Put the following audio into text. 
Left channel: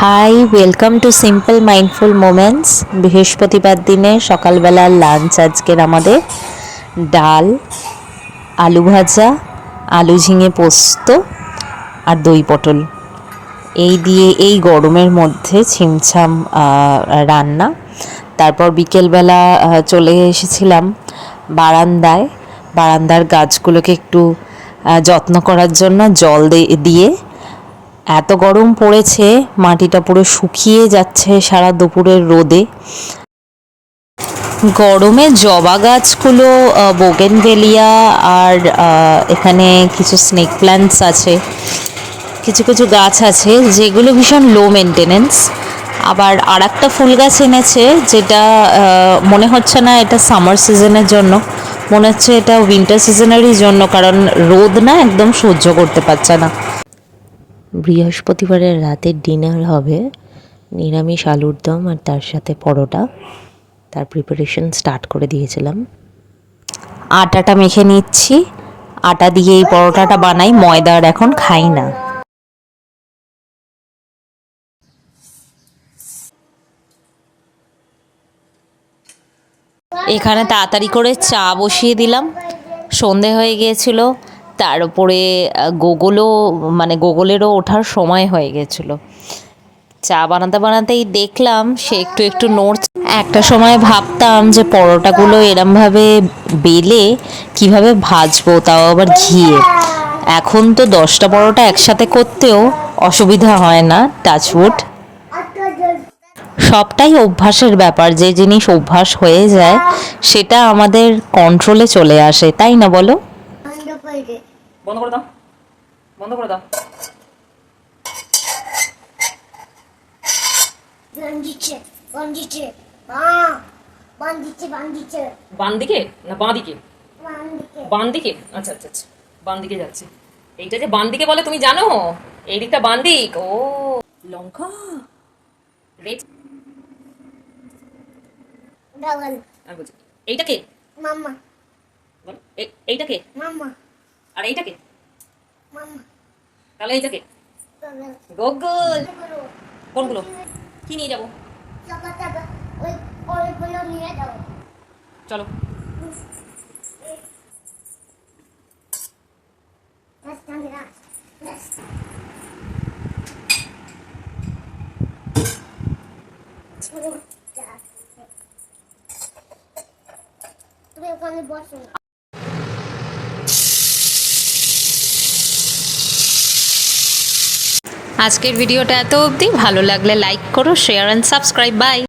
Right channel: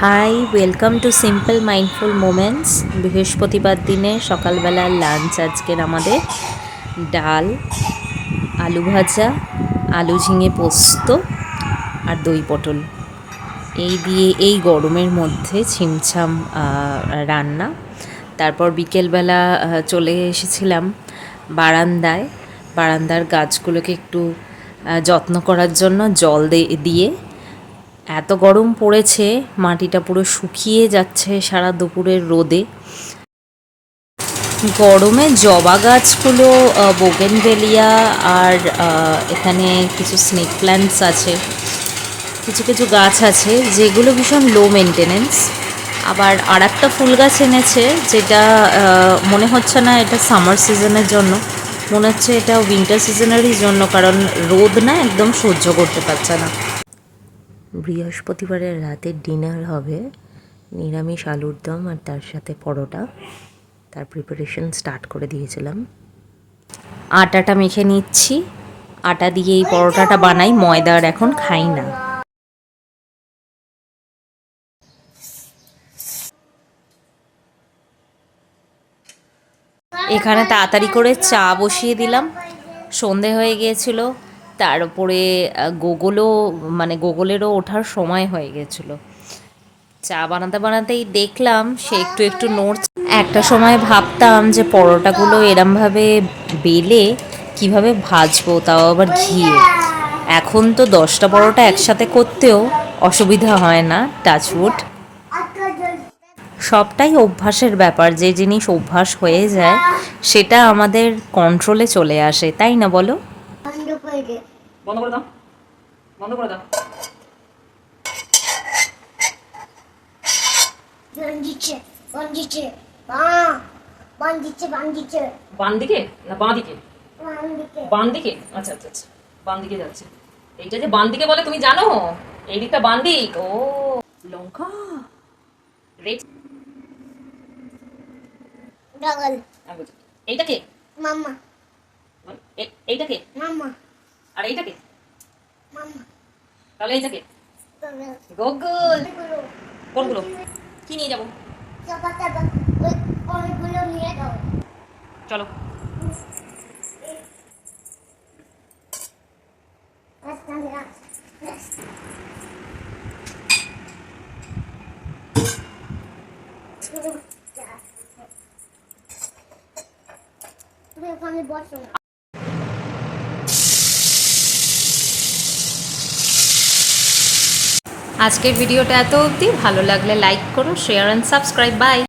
High, welcome to simple mindful moments. বৃহস্পতিবার দিনে সকালবেলার লাঞ্চ আজকের আমাদের ডাল, আলু ভাজা, আলু ঝিঙে পোস্ত আর দই পটল। এই দিয়ে এই গরমের মধ্যে ছিমছাম রান্না। তারপর বিকেলবেলা চলে এসেছিলাম বারান্দার গাছগুলোকে একটু যত্ন করার জন্য জল দিয়ে। এত গরম পড়েছে, মাটিটা পুরো শুকিয়ে যাচ্ছে সারা দুপুরের রোদে। গরমে জবা গাছগুলো, বোগেনভেলিয়া আর এখানে কিছু স্নেক প্ল্যান্টস আছে, কিছু কিছু গাছ আছে যেগুলো ভীষণ লো মেনটেনেন্স। আবার আর একটা ফুল গাছ এনেছে যেটা মনে হচ্ছে না এটা সামার সিজনের জন্য, মনে হচ্ছে এটা উইন্টার সিজনেরই জন্য, কারণ রোদ না একদম সহ্য করতে পারছে না। বৃহস্পতিবারের রাতের ডিনার হবে নিরামিষ আলুর দম আর তার সাথে পরোটা। তার প্রিপারেশন স্টার্ট করে দিয়েছিলাম। আটাটা মেখে নিচ্ছি, আটা দিয়ে এই পরোটাটা বানাই, ময়দার এখন খাই না। এখানে তাড়াতাড়ি করে চা বসিয়ে দিলাম, সন্ধে হয়ে গিয়েছিল। তার উপরে গোগলেরও ওঠার সময় হয়ে গেছিল। চা বানাতে বানাতেই দেখলাম সে একটু একটু নড়ছে। একটা সময় ভাবতাম যে পরোটাগুলো এরমভাবে বেলে কিভাবে ভাজবো, তাও আবার ঘিয়ে। এখন তো 10টা পরোটা একসাথে করতেও অসুবিধা হয় না, টাচউড। সবটাই অভ্যাসের ব্যাপার, যে জিনিস অভ্যাস হয়ে যায় সেটা আমাদের কন্ট্রোলে চলে আসে, তাই না বলো? বন্ধ করে দাও, বন্ধ করে দাও। বান দিকে না বাঁ দিকে? বান দিকে, আচ্ছা আচ্ছা আচ্ছা, বান দিকে যাচ্ছে। এইটা যে বান দিকে বলে তুমি জানো? এই দিকটা বান দিক। ও লঙ্কা রেড। এইটা কে? মাম্মা। এইটা কে? মাম্মা। আর এইটা কে? মাম্মা। তাহলে এইটা কে? গুগল। কোনগুলো কি নিয়ে যাবো? অনেকগুলো নিয়ে যাও, চলো। তুমি ওখানে বসো। আজকের ভিডিওটা এত অবধি। ভালো লাগলে লাইক করো, শেয়ার অ্যান্ড সাবস্ক্রাইব। বাই।